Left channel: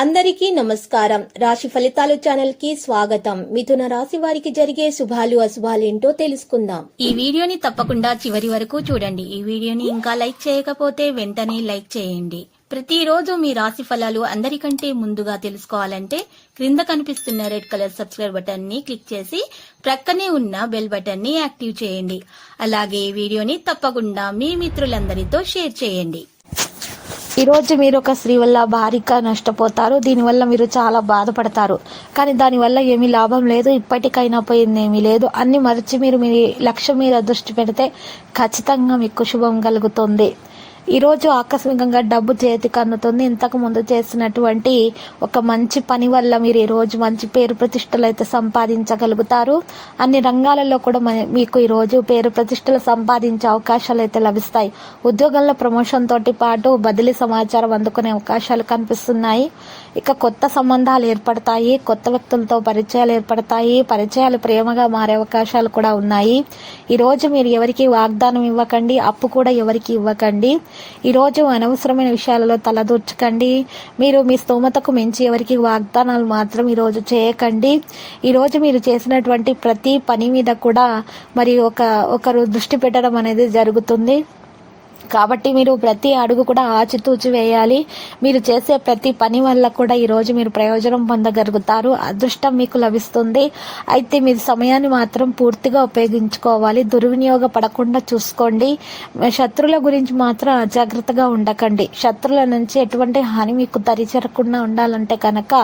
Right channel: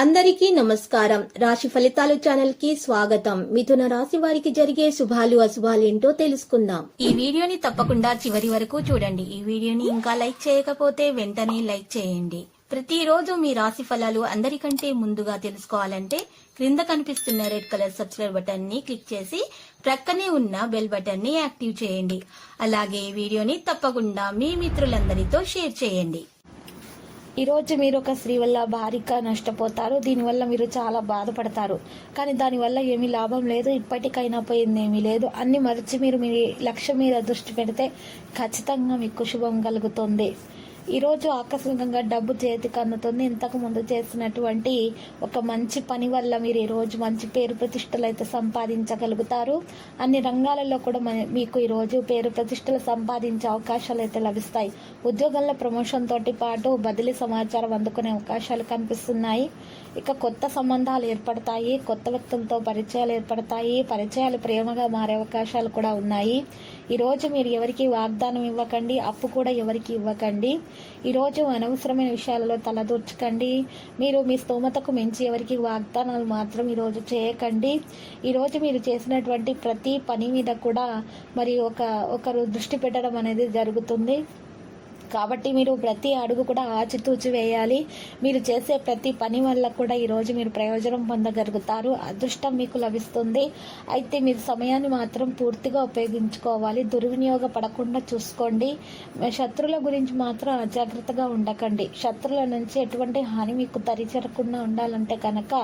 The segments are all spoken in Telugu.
అందరికీ నమస్కారం. రాశి ఫలితాలు ఛానల్ కి స్వాగతం. మిథున రాశి వారికి జరిగే శుభాలు అశుభాలు ఏంటో తెలుసుకుందాం. ఈ వీడియోని తప్పకుండా చివరి వరకు చూడండి. ఈ వీడియోని ఇంకా లైక్ చేయకపోతే వెంటనే లైక్ చేయండి. ప్రతిరోజు మీ రాశి ఫలాలు అందరికంటే ముందుగా తెలుసుకోవాలంటే క్రింద కనిపిస్తున్న రెడ్ కలర్ సబ్స్క్రైబ్ బటన్ ని క్లిక్ చేసి ప్రక్కనే ఉన్న బెల్ బటన్ ని యాక్టివ్ చేయండి. అలాగే ఈ వీడియోని తప్పకుండా మీ మిత్రులందరితో షేర్ చేయండి. ఈరోజు మీరు ఒక స్త్రీ వల్ల భారీగా నష్టపోతారు. దీనివల్ల మీరు చాలా బాధపడతారు. కానీ దానివల్ల ఏమీ లాభం లేదు. ఇప్పటికైనా పోయింది ఏమీ లేదు. అన్ని మరిచి మీరు మీ లక్ష్యం మీద దృష్టి పెడితే ఖచ్చితంగా మీకు శుభం కలుగుతుంది. ఈరోజు ఆకస్మికంగా డబ్బు చేతికి అందుతుంది. ఇంతకు ముందు చేసినటువంటి ఒక మంచి పని వల్ల మీరు ఈరోజు మంచి పేరు ప్రతిష్టలు అయితే సంపాదించగలుగుతారు. అన్ని రంగాలలో కూడా మీకు ఈరోజు పేరు ప్రతిష్టలు సంపాదించే అవకాశాలు అయితే లభిస్తాయి. ఉద్యోగంలో ప్రమోషన్ తోటి పాటు బదిలీ సమాచారం అందుకునే అవకాశాలు కనిపిస్తున్నాయి. ఇక కొత్త సంబంధాలు ఏర్పడతాయి. కొత్త వ్యక్తులతో పరిచయాలు ఏర్పడతాయి. పరిచయాలు ప్రేమగా మారే అవకాశాలు కూడా ఉన్నాయి. ఈరోజు మీరు ఎవరికి వాగ్దానం ఇవ్వకండి. అప్పు కూడా ఎవరికి ఇవ్వకండి. ఈరోజు అనవసరమైన విషయాలలో తలదూర్చకండి. మీరు మీ స్తోమతకు మించి ఎవరికి వాగ్దానాలు మాత్రం ఈరోజు చేయకండి. ఈరోజు మీరు చేసినటువంటి ప్రతి పని మీద కూడా మరి ఒకరు దృష్టి పెట్టడం అనేది జరుగుతుంది. కాబట్టి మీరు ప్రతి అడుగు కూడా ఆచితూచి వేయాలి. మీరు చేసే ప్రతి పని వల్ల కూడా ఈరోజు మీరు ప్రయోజనం పొందగలుగుతారు. అదృష్టం మీకు లభిస్తుంది. అయితే మీరు సమయాన్ని మాత్రం పూర్తిగా ఉపయోగించుకోవాలి. దుర్వినియోగపడకుండా చూసుకోండి. శత్రువుల గురించి మాత్రం అజాగ్రత్తగా ఉండకండి. శత్రువుల నుంచి ఎటువంటి హాని మీకు తరిచేరకుండా ఉండాలంటే కనుక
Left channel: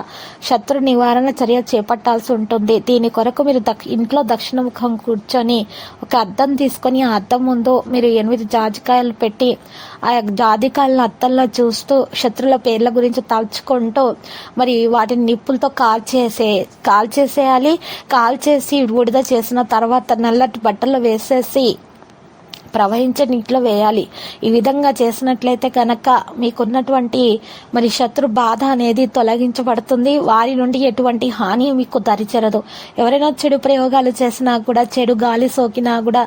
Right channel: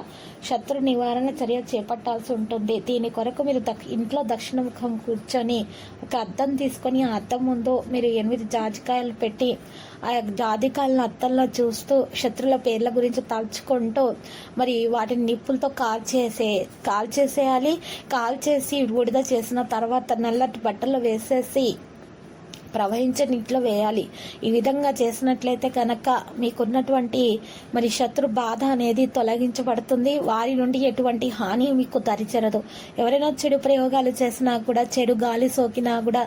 శత్రు నివారణ చర్య చేపట్టాల్సి ఉంటుంది. దీని కొరకు మీరు ఇంట్లో దక్షిణముఖం కూర్చొని ఒక అద్దం తీసుకొని ఆ అద్దం ముందు మీరు 8 జాజికాయలు పెట్టి ఆ జాజికాయలను అత్తల్లో చూస్తూ శత్రుల పేర్ల గురించి తలుచుకుంటూ మరి వాటిని నిప్పులతో కాల్చేసేయాలి. కాల్చేసి బూడిద చేసిన తర్వాత నల్లటి బట్టలు వేసేసి ప్రవహించే నీటిలో వేయాలి. ఈ విధంగా చేసినట్లయితే కనుక మీకున్నటువంటి మరి శత్రు బాధ అనేది తొలగించబడుతుంది. వారి నుండి ఎటువంటి హాని మీకు దరిచేరదు. ఎవరైనా చెడు ప్రయోగాలు చేసినా కూడా, చెడు గాలి సోకినా కూడా,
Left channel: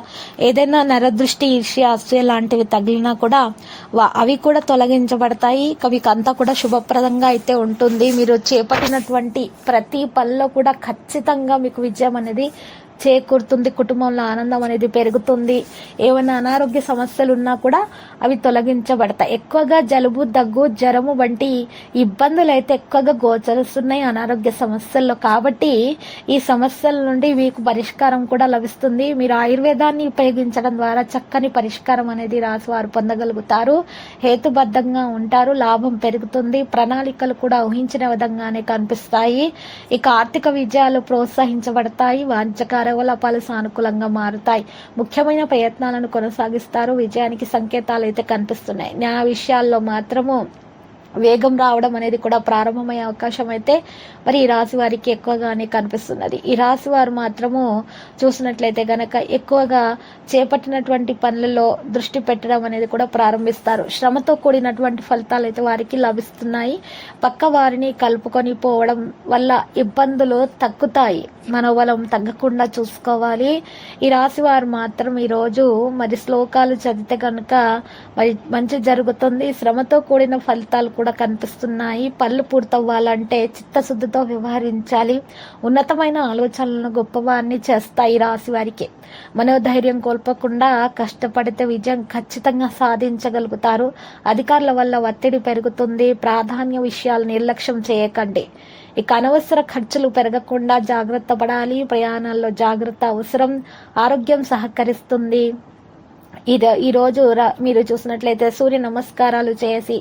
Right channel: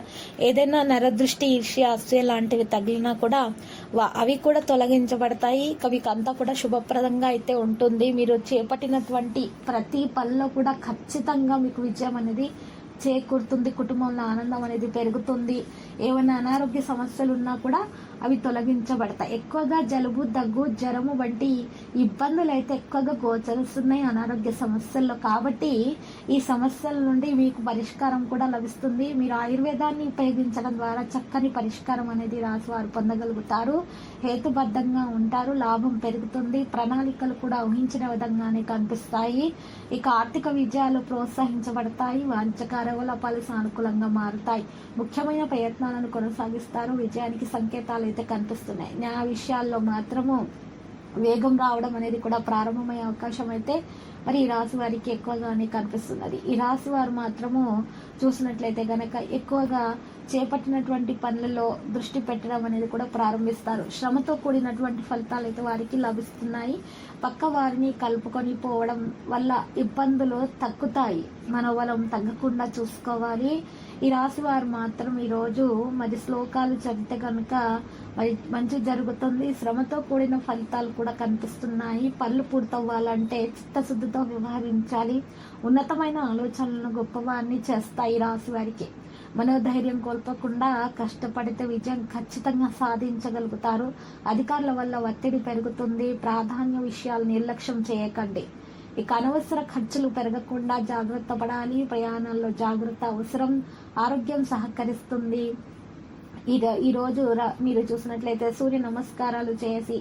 ఏదైనా నరదృష్టి, ఈర్ష్య, అసూయ లాంటివి తగిలినా కూడా అవి కూడా తొలగించబడతాయి. మీకు అంతా కూడా శుభప్రదంగా అయితే ఉంటుంది. మీరు చేపట్టినటువంటి ప్రతి పనిలో కూడా ఖచ్చితంగా మీకు విజయం అనేది చేకూరుతుంది. కుటుంబంలో ఆనందం అనేది పెరుగుతుంది. ఏమైనా అనారోగ్య సమస్యలు ఉన్నా కూడా అవి తొలగించబడతాయి. ఎక్కువగా జలుబు, దగ్గు, జ్వరము వంటి ఇబ్బందులు అయితే ఎక్కువగా గోచరిస్తున్నాయి అనారోగ్య సమస్యల్లో. కాబట్టి ఈ సమస్యల నుండి మీకు పరిష్కారం కూడా లభిస్తుంది. మీరు ఆయుర్వేదాన్ని ఉపయోగించడం ద్వారా చక్కని పరిష్కారం అనేది రాశివారు పొందగలుగుతారు. హేతుబద్ధంగా ఉంటారు. లాభం పెరుగుతుంది. ప్రణాళికలు కూడా ఊహించిన విధంగానే కనిపిస్తాయి. ఇక ఆర్థిక విజయాలు ప్రోత్సహించబడతాయి. వాంఛకార కార్యకలాపాలు సానుకూలంగా మారుతాయి. ముఖ్యమైన ప్రయత్నాలను కొనసాగిస్తారు. విజయానికి సంకేతాలు అయితే కనిపిస్తున్నాయి. న్యాయ విషయాల్లో మాత్రము వేగం రావడం అనేది కూడా ప్రారంభమయ్యే అవకాశం అయితే మరి ఈ రాశి వారికి ఎక్కువగానే కనిపిస్తున్నది. ఈ రాశి వారు మాత్రము చూసినట్లయితే గనక ఎక్కువగా చేపట్టినటువంటి పనులలో దృష్టి పెట్టడం అనేది కూడా ప్రారంభిస్తారు. శ్రమతో కూడినటువంటి ఫలితాలు అయితే వారికి లభిస్తున్నాయి. పక్క వారిని కలుపుకొని పోవడం వల్ల ఇబ్బందులు తగ్గుతాయి. మనోబలం తగ్గకుండా చూసుకోవాలి. ఈ రాశి వారు మాత్రం ఈరోజు మరి శ్లోకాలు చదివితే కనుక మరి మంచి జరుగుతుంది. శ్రమతో కూడిన ఫలితాలు కూడా కనిపిస్తున్నాయి. పనులు పూర్తవ్వాలంటే చిత్తశుద్ధితో వ్యవహరించాలి. ఉన్నతమైన ఆలోచనలను గొప్పవారిని చేస్తాయి. రాశి వారికి మనోధైర్యం కోల్పోకుండా కష్టపడితే విజయం ఖచ్చితంగా సాధించగలుగుతారు. అధికారుల వల్ల ఒత్తిడి పెరుగుతుంది. ప్రాధాన్య విషయాలు నిర్లక్ష్యం చేయకండి. ఇక అనవసర ఖర్చులు పెరగకుండా జాగ్రత్త పడాలి. ప్రయాణాల్లో జాగ్రత్త అవసరం. ఆరోగ్యం సహకరిస్తుంది. ఈరోజు మీరు చూసినట్లయితే సూర్య నమస్కారాలు చేసి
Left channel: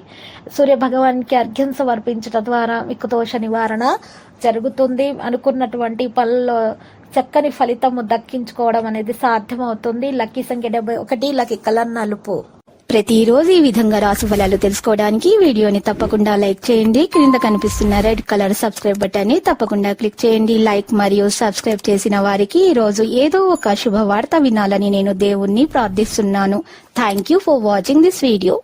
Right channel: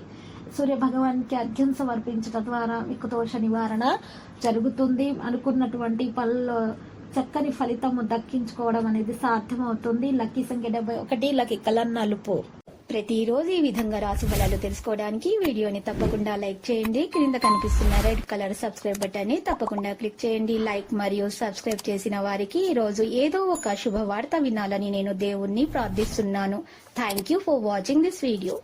సూర్య భగవానికి అర్ఘ్యం సమర్పించడం ద్వారా మీకు దోష నివారణ జరుగుతుంది. అనుకున్నటువంటి పనుల్లో చక్కని ఫలితము దక్కించుకోవడం అనేది సాధ్యమవుతుంది. లక్కీ సంఖ్య 71. లక్కీ కలర్ నలుపు. ప్రతిరోజు ఈ విధంగా రాశి ఫలాలు తెలుసుకోవడానికి వీడియోని తప్పకుండా లైక్ చేయండి. క్రింద కనిపిస్తున్న రెడ్ కలర్ సబ్స్క్రైబ్ బటన్ ని తప్పకుండా క్లిక్ చేయండి. లైక్ మరియు సబ్స్క్రైబ్ చేసిన వారికి ఈ రోజు ఏదో ఒక శుభవార్త వినాలని నేను దేవుణ్ణి ప్రార్థిస్తున్నాను. Thank you for watching this video.